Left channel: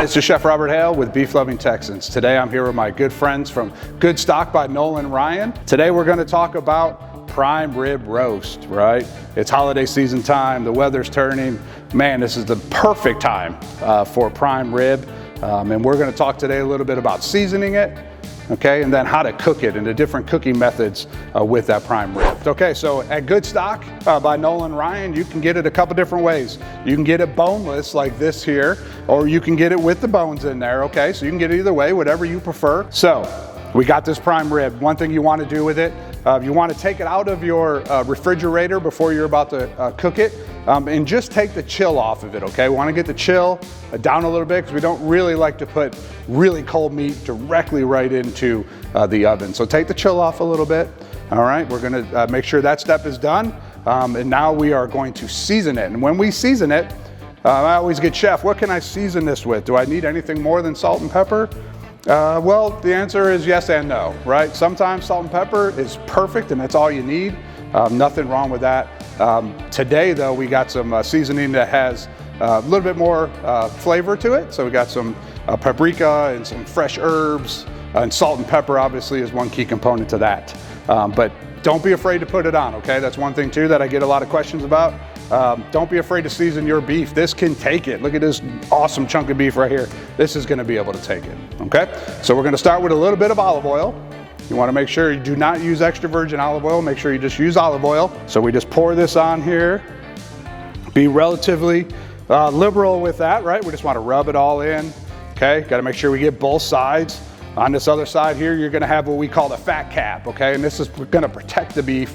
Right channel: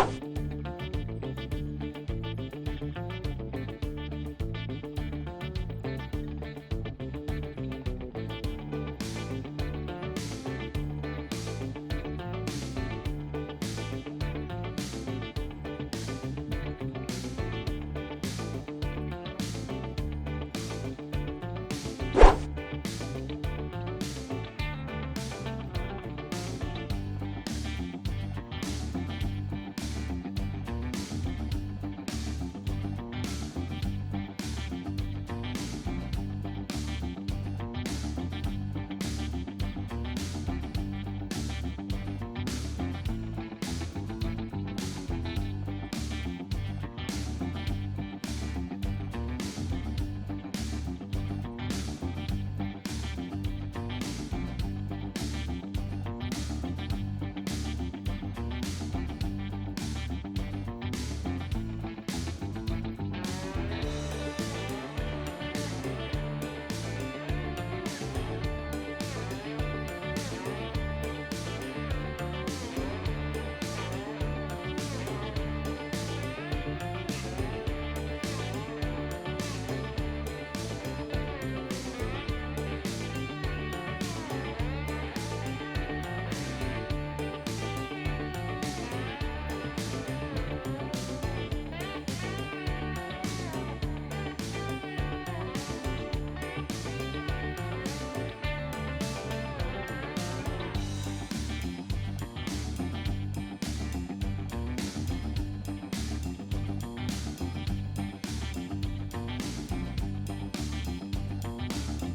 This is Chef Robert Hale with Beef Loving Texans. Today I'm here with my good friends from Goodstock by Nolan and Ryan. Today we're going to talk about prime rib roast, right? It's holiday season time, the weather's turning. Man, this is the perfect time for prime rib. And we're going to talk today a little bit about seasoning it, okay, and then how to cook it and the different cooking methods with that prime rib. Okay, so at Goodstock by Nolan Ryan, you can get it a couple different ways. You can get it boneless like this here, or you can get it with the bones in there, okay? So you can get it either way, whatever you prefer. So we got this prime rib. One thing you want to do with it, you want to take it out of your refrigerator before you're about to cook it, and just take the chill off of it, okay? We want to get the chill down a little bit because we don't really like to put really cold meat directly right into the oven. So take the chill off a little bit. All right, we're going to make sure that step is done, and now we are going to season it. And when we season it, I always get, Chef, what can I season this with? Do I need anything more than salt and pepper? Well, the answer is yes and no, right? Sometimes salt and pepper is perfect and that's all you need. Nothing wrong with that. Today, though, we got some seasoning that has a little bit more flavor to it. So we got some paprika and some fresh herbs, and salt and pepper obviously is one key component to that. But don't be afraid to put it on, okay? That's one thing too that I get a lot of questions about. Don't be afraid to season your beef. This can take it. Look at this awesome chunk of beef right here. This is gonna be able to take it, okay? So we're gonna start with a little bit of olive oil. You wanna make sure you do not use extra virgin olive oil. Make sure you just use olive oil. So we just pour this on here. Be relatively liberal with that, right? We just wanna rub it all in, okay? Gotta make sure we get both sides. On this other side here, you're gonna have what we call the fat cap, okay? And this is gonna protect the beef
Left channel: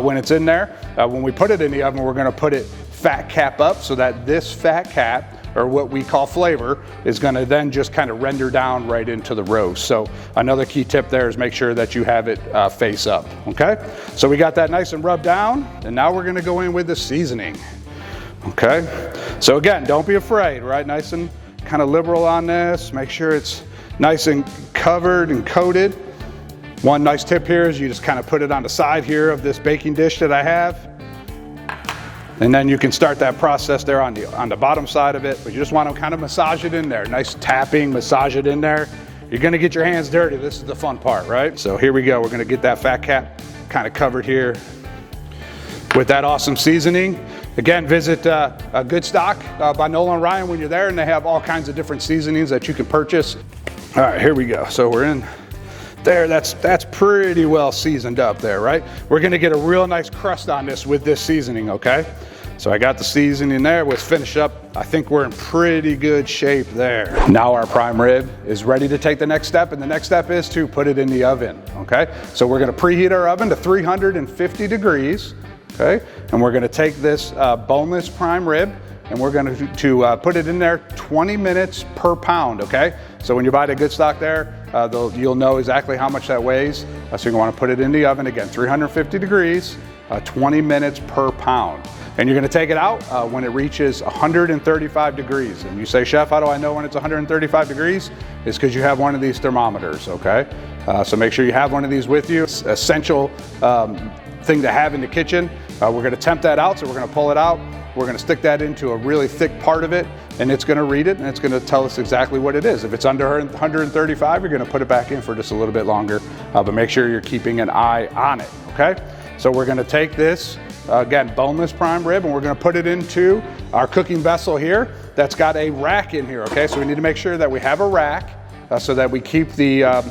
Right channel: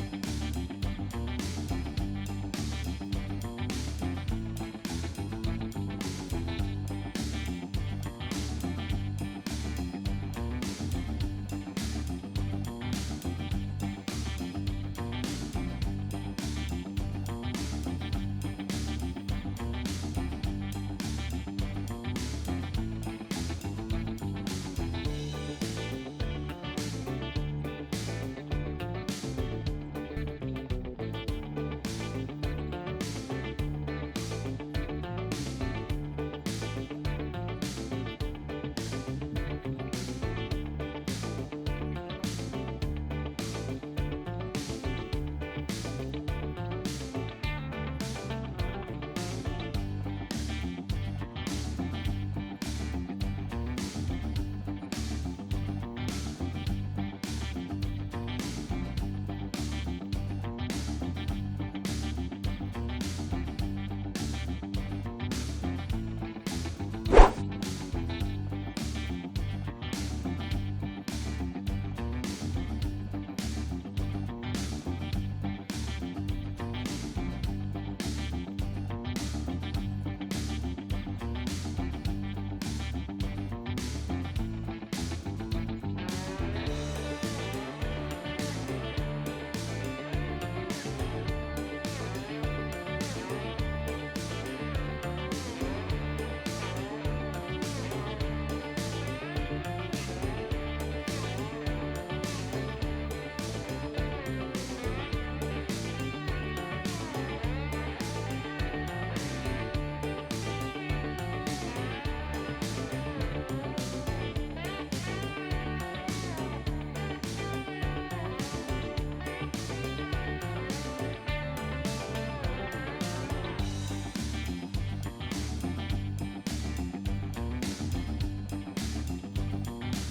when it's in there. When we put it in the oven, we're gonna put it fat cap up so that this fat cap, or what we call flavor, is gonna then just kind of render down right into the roast. So another key tip there is make sure that you have it face up, okay? So we got that nice and rubbed down, and now we're gonna go in with the seasoning, okay? So again, don't be afraid, right? Nice and kind of liberal on this. Make sure it's nice and covered and coated. One nice tip here is you just kind of put it on the side here of this baking dish that I have. And then you can start that process there on the bottom side of it, but you just want to kind of massage it in there. Nice tapping, massage it in there. You're gonna get your hands dirty. This is the fun part, right? So here we go. We're gonna get that fat cap kind of covered here with that awesome seasoning. Again, visit Goodstock by Nolan Ryan when you're there, and they have all kinds of different seasonings that you can purchase. All right, here we go. So we're in there. That's pretty well seasoned up there, right? We're gonna get a real nice crust on this with this seasoning, okay? So I got the seasoning there. Let's finish up. I think we're in pretty good shape there. Now our prime rib is ready to take the next step, and the next step is to put it in the oven, okay? So we're gonna preheat our oven to 350 degrees, okay? And we're gonna take this boneless prime rib, and we're going to put it in there 20 minutes per pound, okay? So when you buy the Goodstock there, you'll know exactly how much that weighs. So you're going to want to put it in the oven, again, 350 degrees, 20 minutes per pound. And you're going to take it out when it reaches 135 degrees. And you say, Chef, how do I know when it's 135 degrees? It's because you have one of these thermometers, okay? So make sure you have one of these with you. It's an essential thing to have in the kitchen. We're going to temp that out, so we're going to pull it out. We're going to stick that into a really thick part of it, and it's going to read it, and it's going to tell us exactly what it is. If it's under 135, you're going to put it back in for just a little bit longer, but make sure you're keeping an eye on it, okay? So we're going to take this, again, boneless prime rib, and we're going to put it into our cooking vessel here that's got a rack in here, okay? So we need to make sure that we have a rack so that we keep the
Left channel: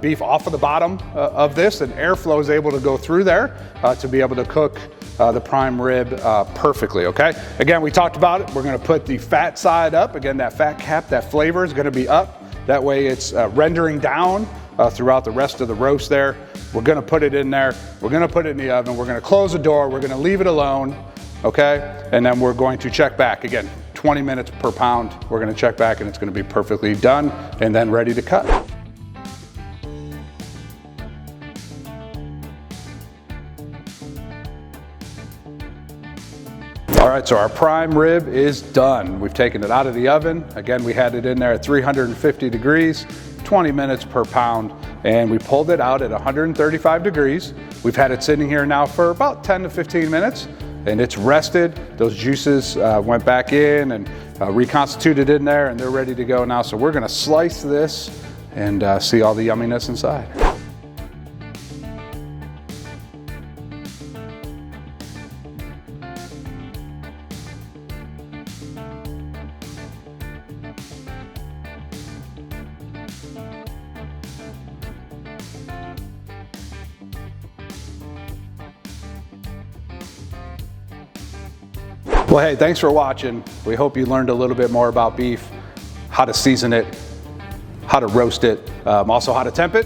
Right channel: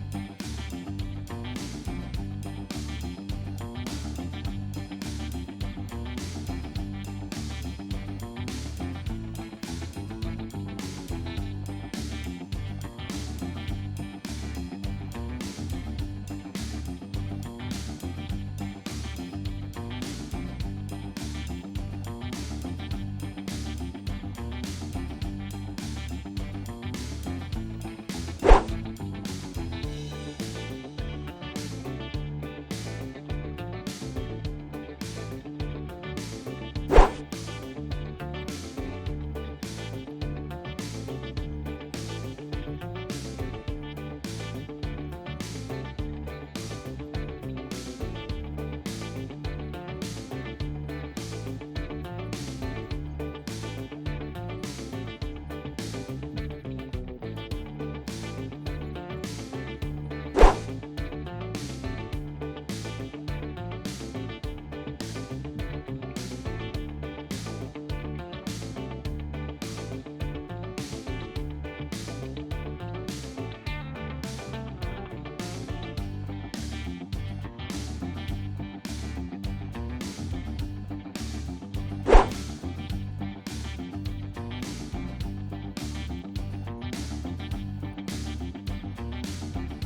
beef off of the bottom of this, and airflow is able to go through there to be able to cook the prime rib perfectly, okay? Again, we talked about it. We're gonna put the fat side up. Again, that fat cap, that flavor is gonna be up. That way it's rendering down throughout the rest of the roast there. We're gonna put it in there. We're gonna put it in the oven. We're gonna close the door. We're gonna leave it alone, okay? And then we're going to check back. Again, 20 minutes per pound. We're gonna check back and it's gonna be perfectly done and then ready to cut. All right, so our prime rib is done. We've taken it out of the oven. Again, we had it in there at 350 degrees, 20 minutes per pound, and we pulled it out at 135 degrees. We've had it sitting here now for about 10 to 15 minutes, and it's rested. Those juices went back in, and reconstituted in there, and they're ready to go now. So we're gonna slice this and see all the yumminess inside. Well, hey, thanks for watching. We hope you learned a little bit more about beef, how to season it, how to roast it, also how to temp it.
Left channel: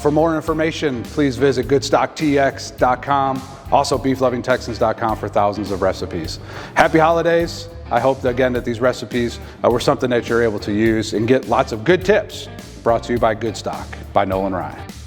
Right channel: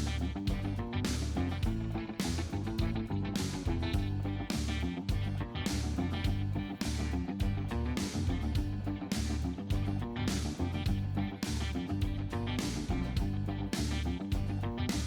For more information, please visit GoodstockTX.com, also BeefLovingTexans.com for thousands of recipes. Happy holidays. I hope, again, that these recipes were something that you're able to use and get lots of good tips. Brought to you by Goodstock by Nolan Ryan.